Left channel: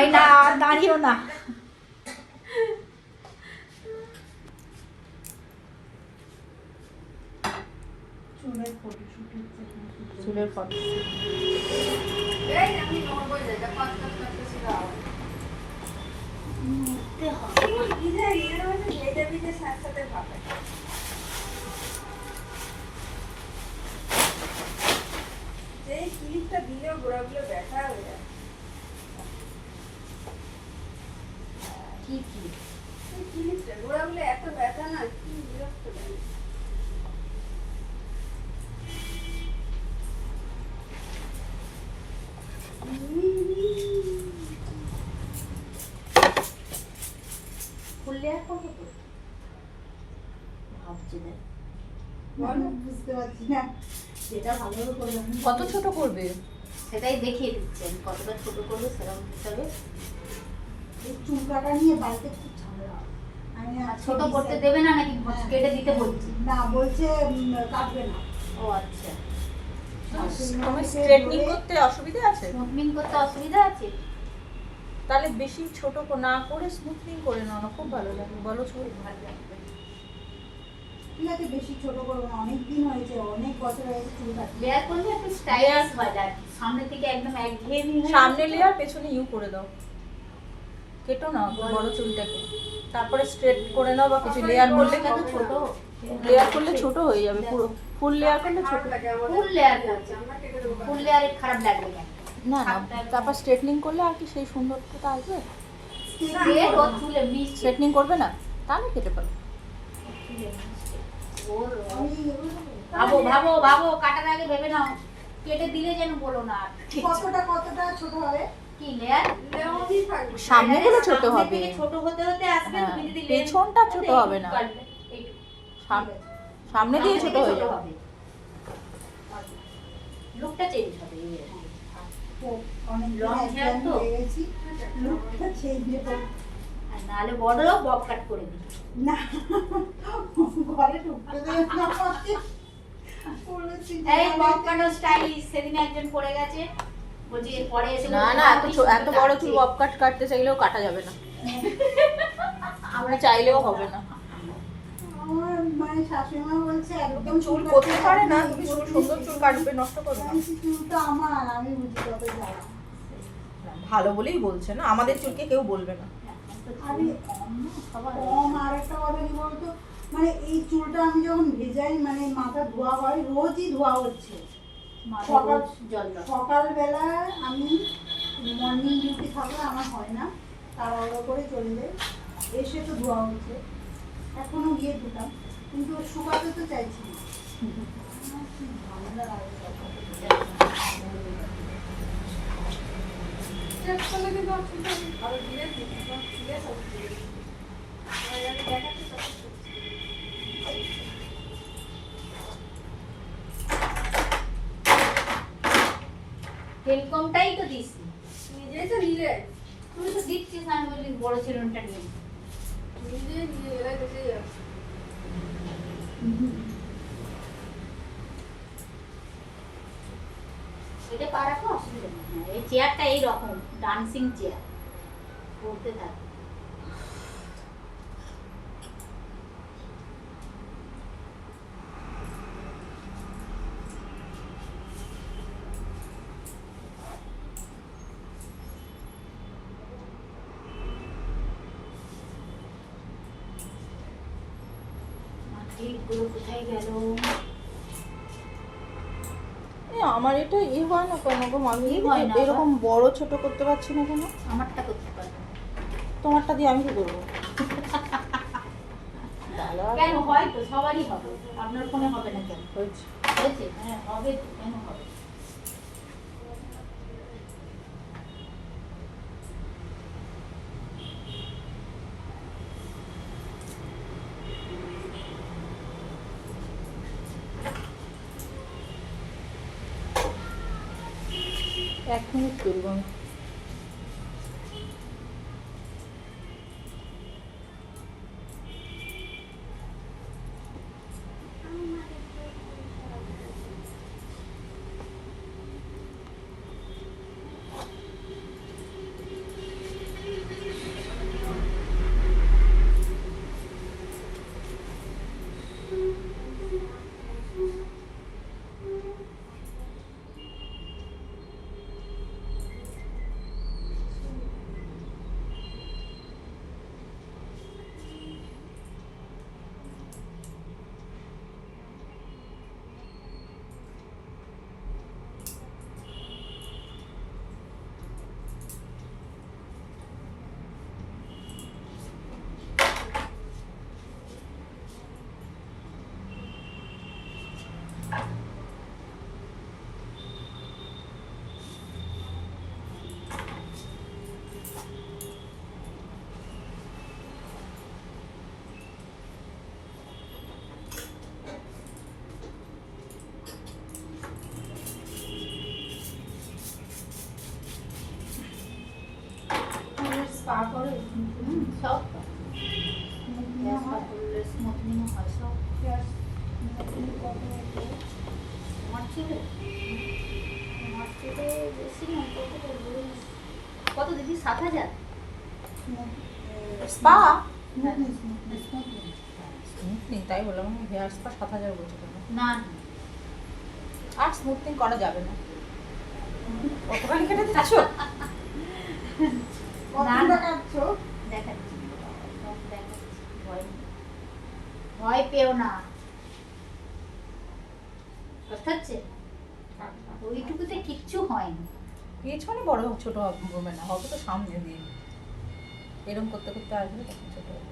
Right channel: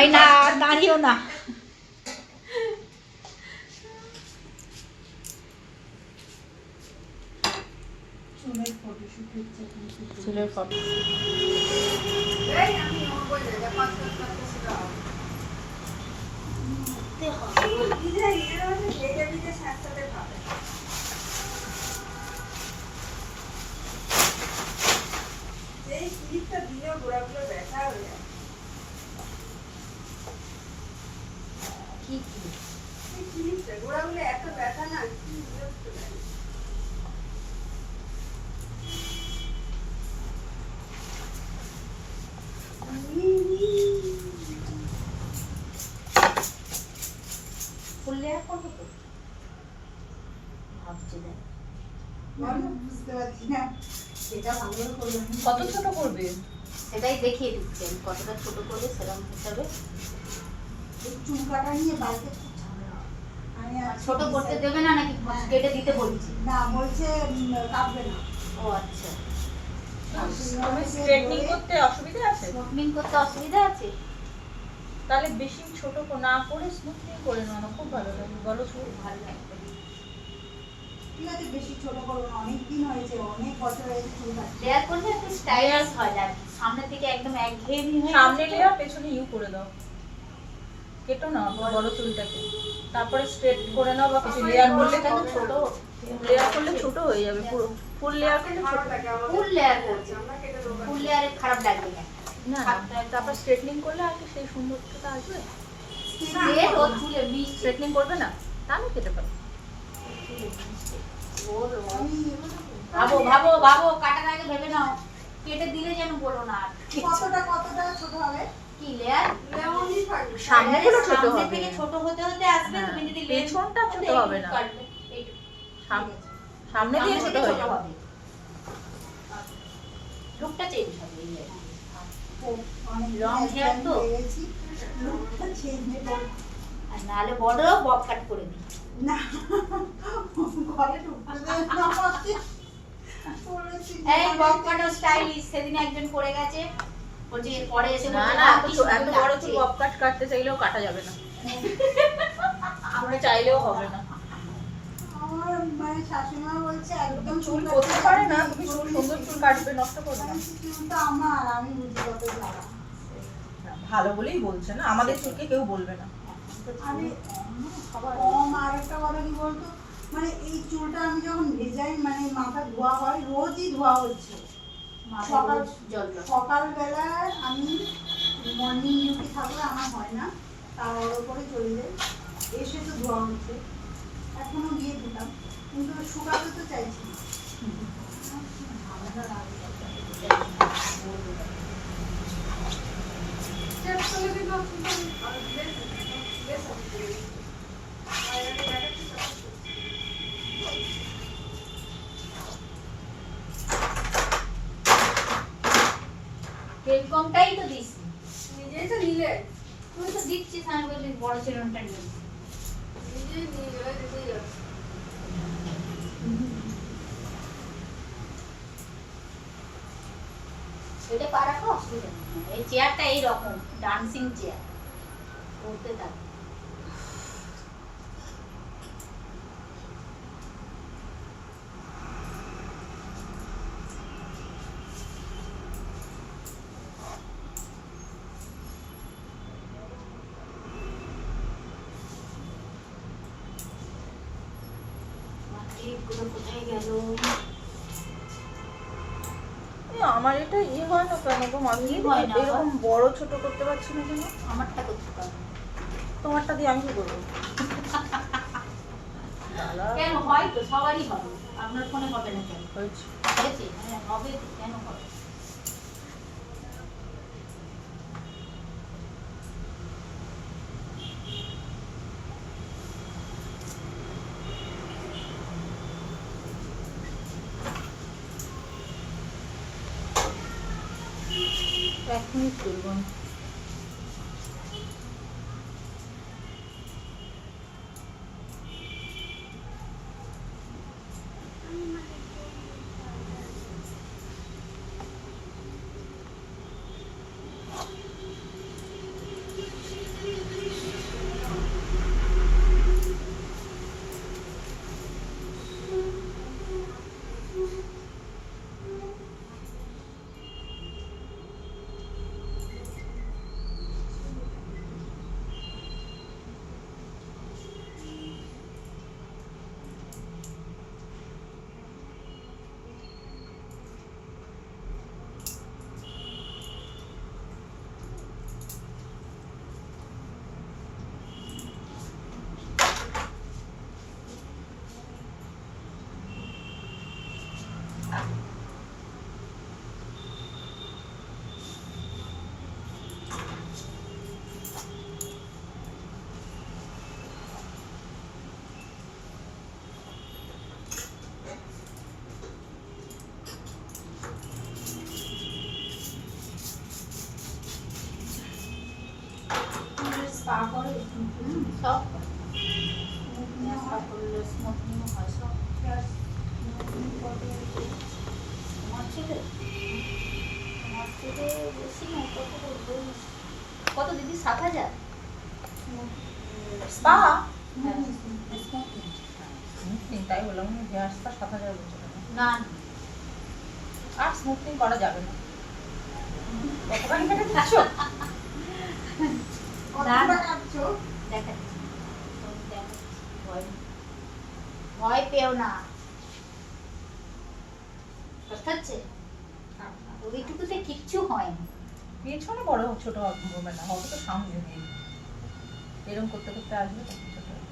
এই না, দাঁড়িয়েও না। চুলের ফটো এত ব্যথা না, কি বিরক্ত লাগে। খুললে আর কত তো ভাবছি না, বুঝতে পারছি না সেটা ভালো করবে। কত ছোট করবে সেটাই দেখিয়ে দিচ্ছি আমি, কতটা ছোট করবে সেরকম হিসাবে। এই চুল কাটা নিয়ে বাড়িতে খুব ঝামেলা। আমি ছোট করতে দেবে না নাকি কেটে দিতে বলছি? না, বলছে কাটবে না। ও আচ্ছা, স্ট্রেটনিং করতে অসুবিধা আছে? স্মুথনিং করতে অসুবিধা আছে? তাহলে বেশি ছোট না করে স্মুথনিং করে নাও না, খুব ভালো লাগে। বলো চুল ভালো লাগবে। ঠিক আছে, বেশি ছোট করো না, অনেক দিন হয়েছে, অনেক বছর হয়েছে চুল কাটতে। লেয়ার করলে একটু স্টাইলিশ হয় যায়, সামনের দিকে একদম একঘেয়েমি হয়ে সামনে যায় তো। লেয়ার পেছনে ইউ করে দাও, কেটো না বড় চুলটাকে, তারপরে স্ট্রেট করে নাও বা কিছু লেয়ার করলে কেন ছোট? লেয়ার করলে ছোট হয়ে যাবে পুরো। ফুল লেয়ার করলে ছোট ফুল লেয়ার করছে, ফুল লেয়ারে খারাপ লাগবে না। না না, তারপর স্ট্রেটনিং করলে আর কি সেই সুন্দরটা আসবে। এর ও চুলে মিশছে, স্ট্রেটনিং করবে না তাহলে কেটে পারো। ওর আমি ভাবো ভাবো ভাবো, কাটার আগে ভেবে নাও, কেটে দিলে যেন বলো না আর। কতটা ছোট হবে? কি লেয়ার? সামনেগুলো ছোট সামনে হবে, থেকে ছোট হতে হতে আসবে, হ্যাঁ, তুমি যদি পেছনটা ছোট হবে না। সামনে দিয়ে ছোট হয়ে যাবে। লুকটা চেঞ্জ হবে। অনেক Long hair তো? গেছি লুকটা চেঞ্জ হবে আর নাহলে বড় বব কাট করে দিই। না, ঘরে ঢুকতে দেয় না আমাকে। এই বব কাটো স্টাইলিশ সেদিন একজন করে গেছে, বলছি পরে এসে না বলছে, না, "মা, কি সুন্দর এত বড় লাগছে।" চুল বব কাট কাটতে চাইলেও কাটা যাবে না, আমরা চাইলেও হবে না। আমার মানে শাশুড়িমা বলছে একদম চুল করতে পারে না, তুমি চুল সুন্দর চুল কাটবে, নষ্ট করবে না। চুল তো আমার, আমি বুঝি কত জ্বালা। ভালো বলেই বলছে না, আমাদের চুলকে কেউ বলবে না। আরে কম, আর একটা কথা কি বলতো, মানে এই চুলটা আমি যখন ভেজাই, মানে মাথা ধোয়া হয়, রোজই ধোয়া হচ্ছে। সকাল সকালবেলায় আমি মর্নিং ডিউটি থাকলে আমার হয় না, তাড়াহুড়ো করে চলে যাই, এসে তো ধোয়া হচ্ছে, এখনো গিয়ে ধুতাম, কিন্তু শুকাতে তো চাইছি না। তেল কমটাই তো দিস, নিজেই তো নিলে, তুই তো দিচ্ছিস, আমি বলি বড় চিরুনটা নিয়ে। নিজেই নিয়ে গেলে বেঁচেই যাবে। এটা পারা তো অসুবিধা নেই, এই চেয়ারটা এইরকম ডান্সিং চেয়ার, করতে থাকে। ক্লিপগুলো কোথায় গেল? আমার এটা হয় না কেন গো মামি, কি হয় না এরকম বড় ছোট করতে পারছি না কেন? আমারটা করতে পারবো। তোমারটা দিয়ে আমি কি করবো? কেন হয় তো, সবারই হবে, আপনার ফোনে হবে না কেন? হয়েছে। হয়েছে, হ্যাঁ হবে তো, কেন হবে? এক মিনিট তুলবো আমি। স্পা করে সব করলে স্মুথনিং হয় সব। তোমার চুলে বেশি না, কত দিদি? 7,000? স্পা হ্যাঁ। স্মুথনিং, তাই বললাম হেয়ার স্পা 7,000 বলছে। না আর স্মুথনিং করা যাবে না। কতখানি কেটে দিচ্ছ? কাটছো দেখাচ্ছি, সব দেখাচ্ছি, ভয় পেও না। কথা হচ্ছে ওইটুকুতে কিচ্ছু হয়নি। পেছনে বড় ছোট হবে না, হবে তো সামনে দিয়ে। এরকম করতে করতে আসবে তখন ছোট হবে।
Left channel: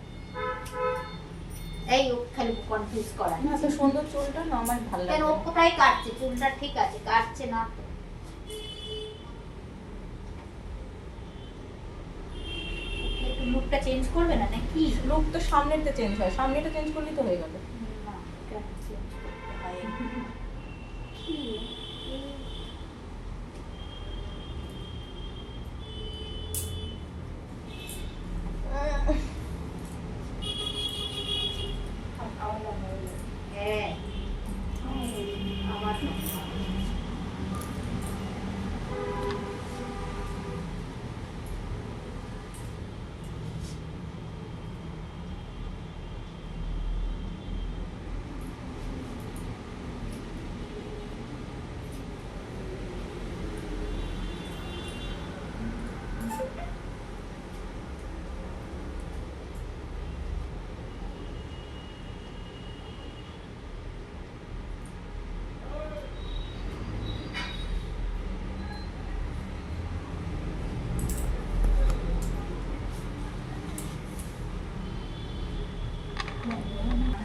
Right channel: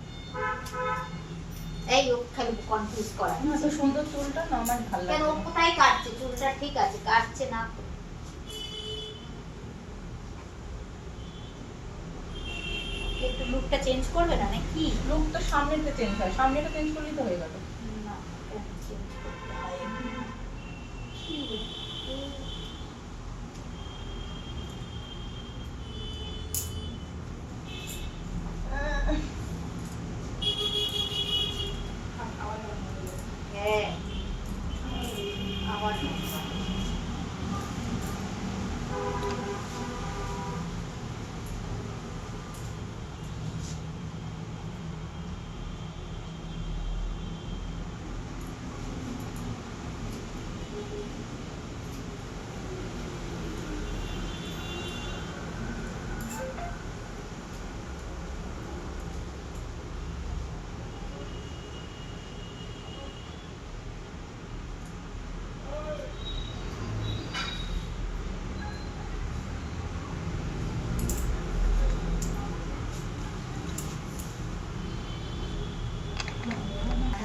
এই ও খালি কনফিউজ করা। এত সুন্দর চুলটা না আমার ভালো কেন ও লাগে। কোথায় কাটছে? চুলটা ঠিক আছে, কাটছে না তো। একটু লুকটা চেঞ্জ করবে না নাকি? লুক তো সামনেটা চেঞ্জ হয়, সামনেটা চেঞ্জ করলেই তো হয়ে গেল। না, কেন চেঞ্জ করতে হয়? কি? হ্যাঁ, আবার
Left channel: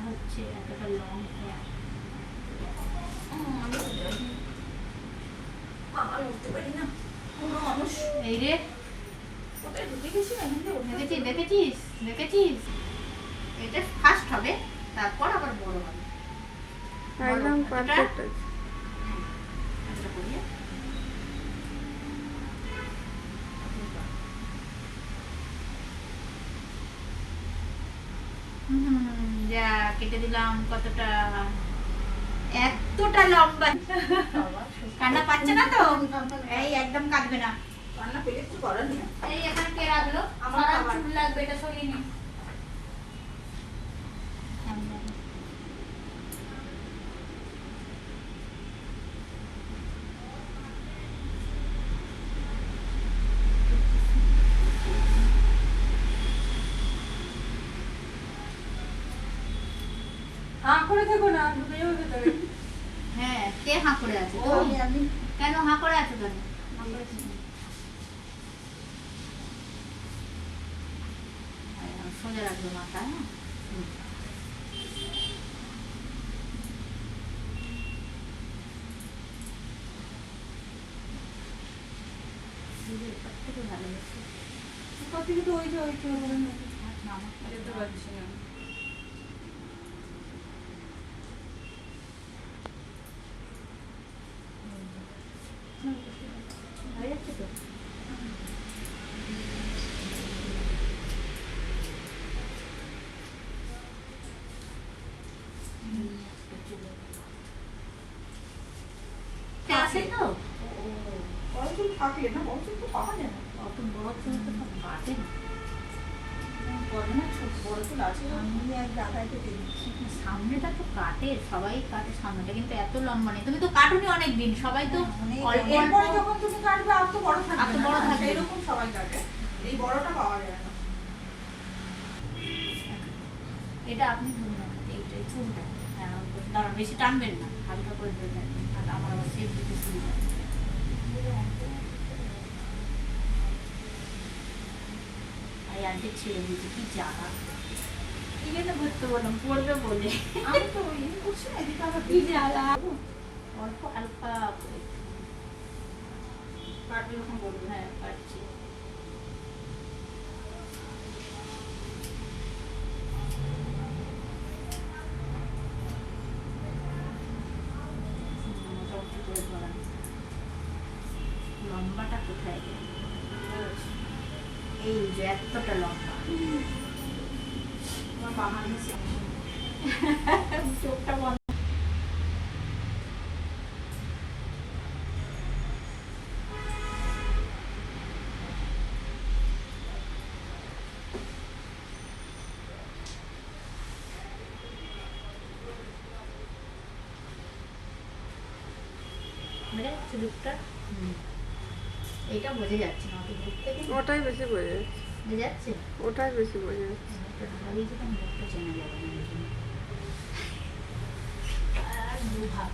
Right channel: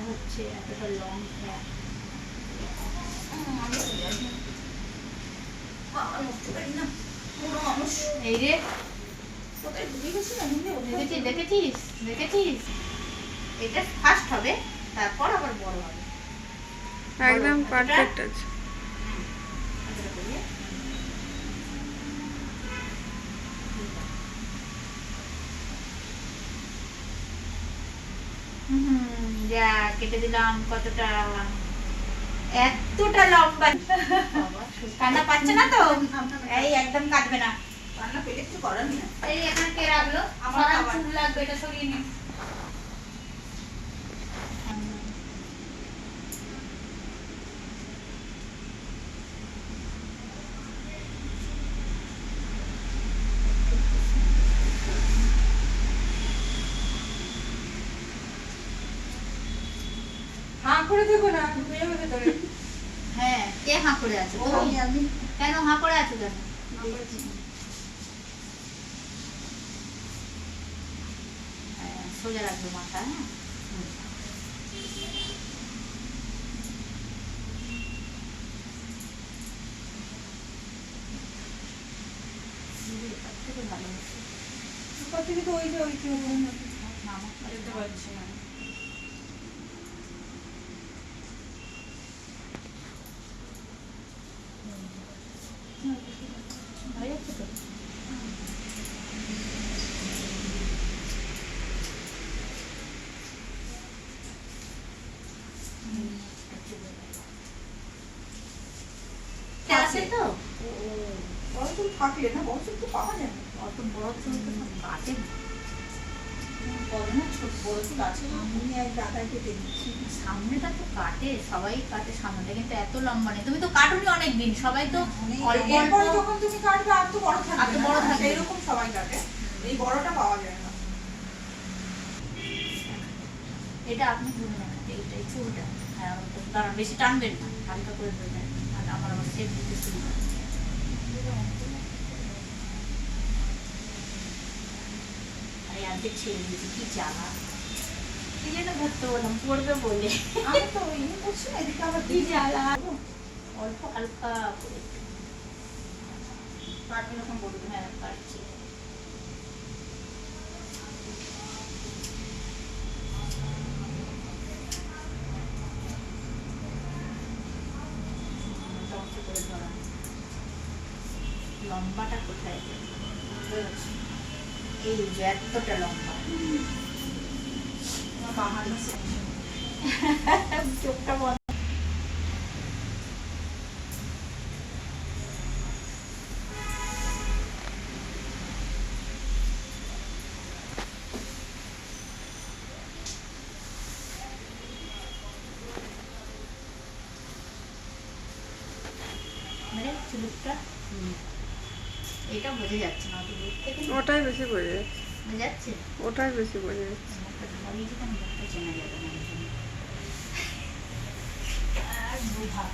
হচ্ছে এতটা লং হেয়ার। এই রে, দেখেছিস দেখেছিস, এটা ফার্স্ট হবে, তারপর আবার বড় হবে। একদম পারফেক্ট আছে। যা কেটে দিলাম। কতটা? এতটা লম্বা। কান্না পাচ্ছে না তো? এই একদম কাটবে না। রান্না পেলে একটু করার নেই। এই এখানে কে রাখলো? আমার আমার খাবার। চুল লাগবে, এটা সরিয়ে নিন। হাঁ করে দেবো না, মেয়েও ভেতরে। হ্যাঁ, কে হাঁ করে আছে? ও আমি কেন হাঁ করে আছো কেন? সোজা রাখবো মাথা, হ্যাঁ। থেকে ভালো হচ্ছে। তার থেকে তো ওই যে ওই চুল না, আমার যেতে পারছি না। হয়ে যাচ্ছে তো। আছে তো? বড় চুল থাকলে না, বড় চুল তো পাওয়া যায় না। অত বড় চুল তো সব কাটে না। বলে না ছোট বড় চুল আছে না? আমি এক দাদায় কেটে দিচ্ছি। সামনেটা তো কাটে, সবাই কাটে সামনেটা, কিন্তু এত লম্বা নেই। তুমি তো কাটুনি অনেকদিন, সবাই তো অল্প এরপরে অল্প। যখন তুমি কাটবে আর তো বড় থাকবে আর তো বড় না। থাকবে না। এরকম সবাই কাটে, এই বড়টা পাওয়া যায় না। এটা আপনি ধরুন না, এই চুলটা। হ্যাঁ, দাঁড়ান, বেশি টানবেন না, হালকা করে দেবেন। আর আমার সেফ দিতে সুবিধা। আর আজকে ছেড়ে দিয়েছি, কি জ্বালা। কি যেন ধরতে বললাম, পড়বে বলে। আমি তো ইয়ে করছি না, এদিকে আবার কি জ্বালা। অল্প হালকা করে। কাটবে যখন বলবে। হ্যাঁ, কাটছি। মোটামুটি করে ধরান। লম্বাটা কোথায়? এই যে এতটা লম্বা আমার বাহানা চোখটা বন্ধ। মানে চুলটা এটা বোঝা যাচ্ছে না অত দূর থেকে ওটাই বেশি বোঝা যাচ্ছে। বোঝা যাচ্ছে ওটাই বেশি বোঝা যাচ্ছে। ধরিয়ে দিতাম লোকটা চেনা যাবে না এই জন্য। আর দুভাগ